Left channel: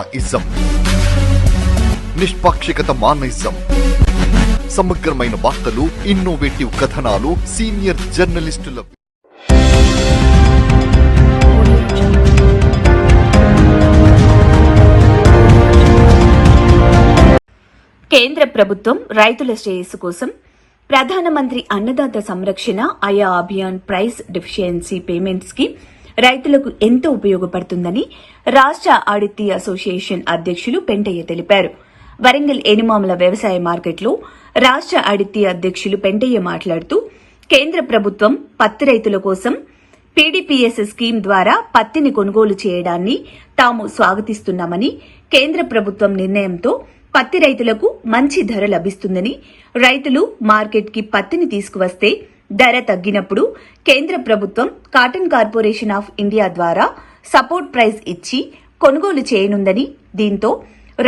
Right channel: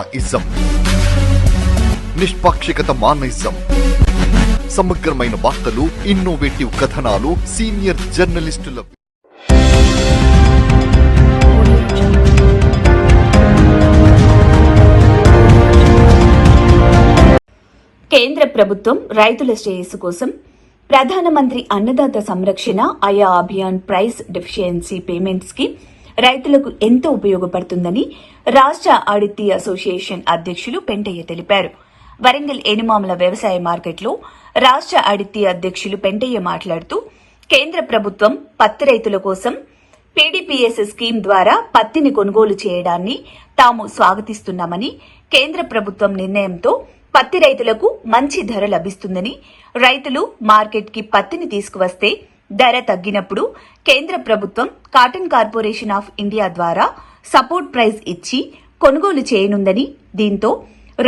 Ism నిష్పాక్షికత మానయిజం సమగ్రమైన వార్తలు, innovative కథనాలు, సీనియర్ జర్నలిస్టుల కేంద్ర ప్రభుత్వం రైతుల శ్రేయస్సు కోసం ప్రధానమంత్రి అన్నదాత సంరక్షణ ఆయా అభియాన్ ప్రైస్ డెఫిషియన్సీ పేమెంట్స్ కి రైతులకు ఎంతో ఉపయోగపడుతుందని రాష్ట్ర ఆడిట్ అసోసియేషన్ అధ్యక్షులు పెంటయ్య తెలిపారు. వరంగల్ ఎనుమాముల వ్యవసాయ మార్కెట్లో రాష్ట్ర ఆడిట్ అధ్యక్షులు పెంటయ్య మాట్లాడుతూ కేంద్ర ప్రభుత్వం పత్తి రైతుల కోసం పీడీపీఎస్ స్కీమ్ ద్వారా పత్తిని కొనుగోలు చేయడాన్ని తాము స్వాగతిస్తున్నామని, కేంద్ర ప్రభుత్వం నిర్ణయంతో పత్తి రైతులకు మంచి ధర లభిస్తుందని, రైతులు మార్కెట్ కి పత్తిని తీసుకువస్తే ధర తగ్గినప్పుడు కేంద్ర ప్రభుత్వం కాటన్ కార్పొరేషన్ ఆఫ్ ఇండియా ద్వారా సపోర్ట్ ప్రైస్ ఇచ్చి కొనుగోలు చేయనుందని, దీంతో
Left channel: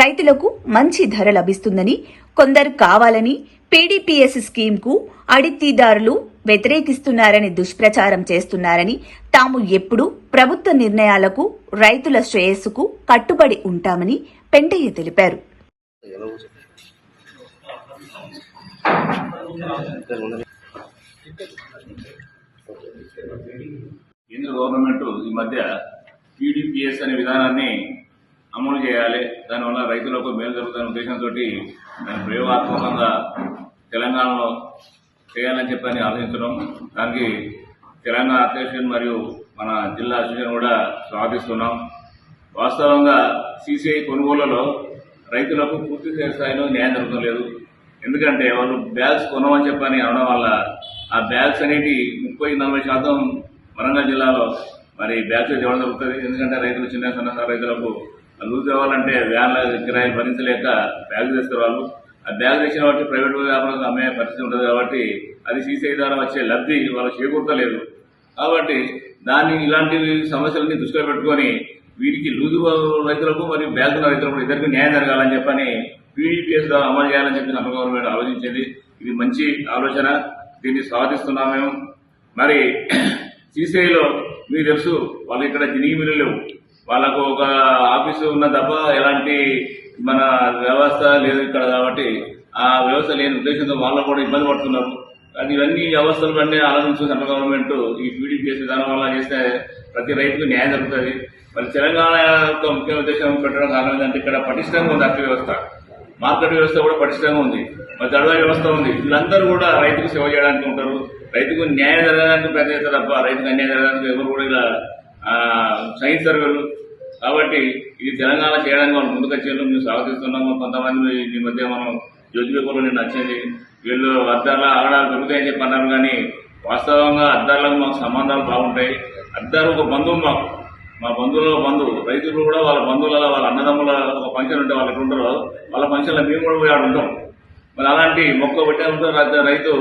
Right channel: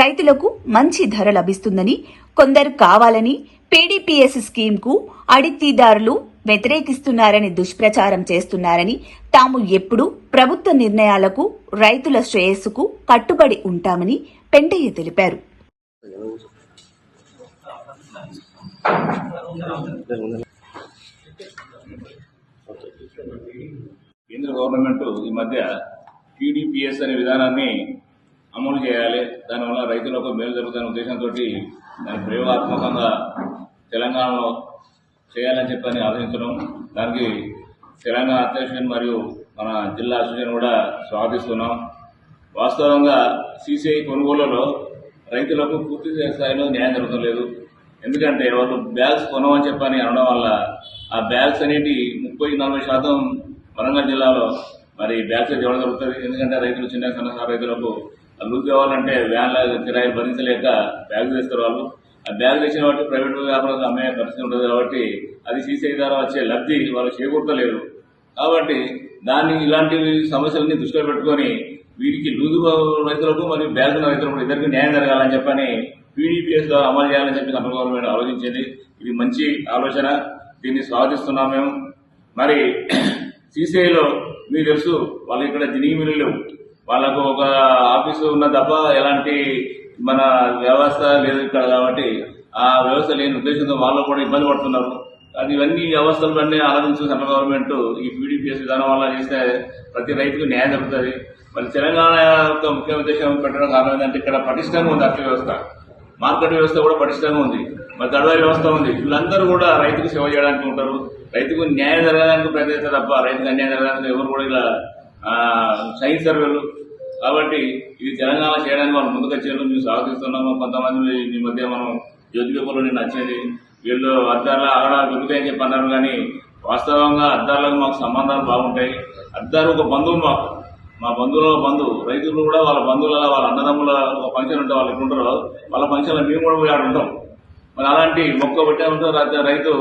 రైతులకు మంచి ధర లభిస్తుందని, కొందరు కావాలని పీడీపీఎస్ స్కీమ్ కు అడిక్తీదారులు వ్యతిరేకిస్తున్నారని దుష్ప్రచారం చేస్తున్నారని, తాము ఎప్పుడూ ప్రభుత్వ నిర్ణయాలకు రైతుల శ్రేయస్సుకు కట్టుబడి ఉంటామని పెంటయ్య తెలిపారు. కేంద్ర గవర్నమెంట్ ఈ మధ్య పీడీపీఎస్ అనే విధానాన్ని అమలు చేయాలి, దానివల్ల రైతులకు మేలు జరుగుతున్న ఉద్దేశంతో దాన్ని ప్రయోగాత్మకంగా తెలంగాణలో చేయాలని చెప్పని ఆలోచించడం, దానికి తెలంగాణ అసోసియేషన్ మరియు మన జిల్లా అసోసియేషన్ కూడా స్వాగతిస్తున్నాం. వాస్తవంగా సీసీఐ కొనుగోళ్లలో రైతులకు పూర్తి స్థాయిలో న్యాయం జరుగుతలేదు. ఎందుకంటే వాళ్ళు బ్యాగ్స్ కొనమని చెప్పని అనడం వల్ల ఆ బ్యాగ్స్ అనేవి 30-40% వరంగల్ జిల్లాలో మరి బ్యాగ్స్ ఇవ్వడం జరుగుతుంది. ఎందుకంటే రైతులు చిన్న సన్న రైతులకు లూజ్ ఇవ్వాలంటే వ్యాన్ల కిరాయిలు భరించలేక బ్యాగ్ చేస్తారు. వాళ్ళు ఆ బ్యాగ్ చేసిన కాబట్టి ప్రైవేట్ వ్యాపారాలకు అమ్మే పరిస్థితి ఉంటుంది. కాబట్టి అది సీసీఐ ద్వారా వచ్చే లబ్ధి వాళ్ళు చేకూర్తలేదు. కాబట్టి ఇలాంటి సమస్యలన్నీ దృష్టిలో పెట్టుకొని వీరికి లూజు రైతులకు మరియు బ్యాగ్ ఉన్న రైతులకు ఇద్దరికి న్యాయం జరగాలని చెప్పని పీడీపీఎస్ ద్వారా అమలు చేయాలని చెప్పి సెంట్రల్ గవర్నమెంట్ ఆలోచించింది. ఇది మంచి ఆలోచన, దీన్ని స్వాగతిస్తున్నాం మేము. మరి సీసీఐలో మీకు తెలుసు, వాళ్ళు ఇక్కడ దినిగి మిల్లు లేవు, వాళ్ళకు ఒక ఆఫీసు ఉన్న తప్ప ఎలాంటి మన వ్యవస్థ లేదు ఇక్కడ. కాబట్టి ఆ వ్యవస్థ లేని ఉద్దేశంతో వాళ్ళు కూడా ఇబ్బంది పడుతున్నారు. అది ఇవన్నీ వ్యవస్థలు అన్నీ ఆలోచించు సెంట్రల్ గవర్నమెంట్ ఈ పీడీపీఎస్ విధానం వల్ల చేస్తే ప్రతి రైతుకు న్యాయం జరుగుతుంది. మరి తెలంగాణ యొక్క ముఖ్య ఉద్దేశం పెట్టడం కారణం ఏంటంటే ఇక్కడ పటిష్టంగా ఉంది అర్థ వ్యవస్థ, మార్కెట్ వ్యవస్థ కూడా పటిష్టంగా ఉంది, మరి దళారీ వ్యవస్థ ఉంది. వీళ్ళందరూ కూడా రైతుకు సేవ చేయడానికి ఉంటారు. రైతుకు న్యాయం జరగడానికి ప్రతి తప్ప రైతుకు అన్యాయం జరగడానికి ఎవరు కూడా ఇలా సైన్స్ సర్వేలు. కాబట్టి ఇది తెలంగాణ చేయడానికి వాళ్ళు ముందుకు వచ్చేందుకు మేము స్వాగతిస్తున్నాము. కొంతమంది ఈ మధ్య మనం జ్యోతి పేపర్లో నిన్న వచ్చేది వీళ్ళు అద్దాల ఆగడాలు దొరుకుతాయని చెప్పి అన్నారు. కానీ వాస్తవంగా అద్దాలకు మాకు సంబంధాలు బాగుంటాయి. అద్దాలు ఒక బంధువు, మాకు మా బంధువుల బంధువు, రైతులు కూడా వాళ్ళ బంధువుల వాళ్ళ అన్నదమ్ముల ఒక ఫంక్షన్ ఉంటే వాళ్ళు ఎక్కడ ఉంటారో వాళ్ళ ఫంక్షన్లో మేము కూడా పోయి ఆడు ఉంటాం. మరి అలాంటి మొక్క పెట్టే ఉంటారు రైతు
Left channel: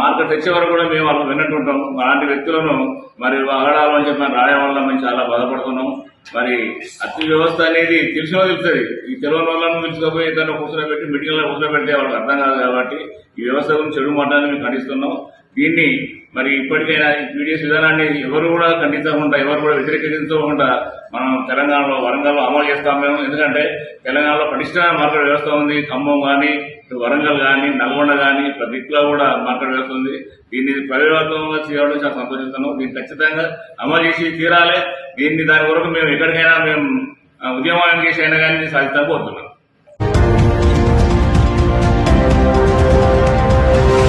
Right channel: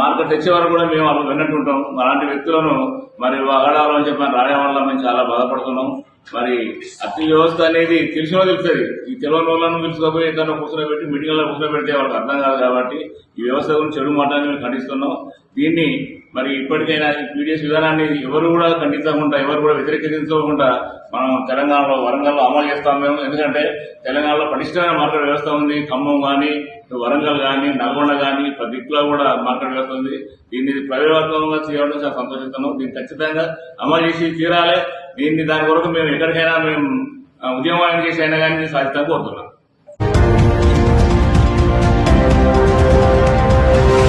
మార్కెట్ తెచ్చే వరకు కూడా మేము వాళ్ళు విన్నట్టుంటాం. అలాంటి వ్యక్తులను మరి అగడాలు అని చెప్పి రాయడం వల్ల మేము చాలా బాధపడుతున్నాం. మరి అతి వ్యవస్థ అనేది తెలిసినో తెలుస్తుంది, ఈ తెలియని వాళ్ళను పిలుచుకోపోయి ఏదైనా కూర్చోబెట్టి మీటింగ్లో కూర్చోబెడితే వాళ్ళకి అర్థం కాదు. కాబట్టి ఈ వ్యవస్థ గురించి చెడు మాటలని మేము ఖండిస్తున్నాం. దీన్ని మరి ఇప్పటికైనా ఈ పీడీఎస్ విధానాన్ని ఎవరు కూడా ఖండించకుండా, ఎవరు కూడా వ్యతిరేకించకుండా మనం తెలంగాణలో వరంగల్లో అమలు చేస్తాం మేము. ఎందుకంటే తెలంగాణలో పటిష్టమైన మార్కెట్ వ్యవస్థ ఉంది. ఖమ్మం కానీ, వరంగల్ కానీ, నల్గొండ కానీ ప్రతి దిక్కులో కూడా మార్కెట్ వ్యవస్థ ఉంది. దీన్ని ప్రయోగాత్మకంగా చేయడం చాలా సంతోషిస్తున్నాం. దీన్ని ఖచ్చితంగా అమలు చేసి తీరాలి. దాని వరకు మేము ఎక్కడికైనా మేము ఉద్యమాన్ని చేసి అయినా కానీ సాధిస్తాం కోరుతున్నాం.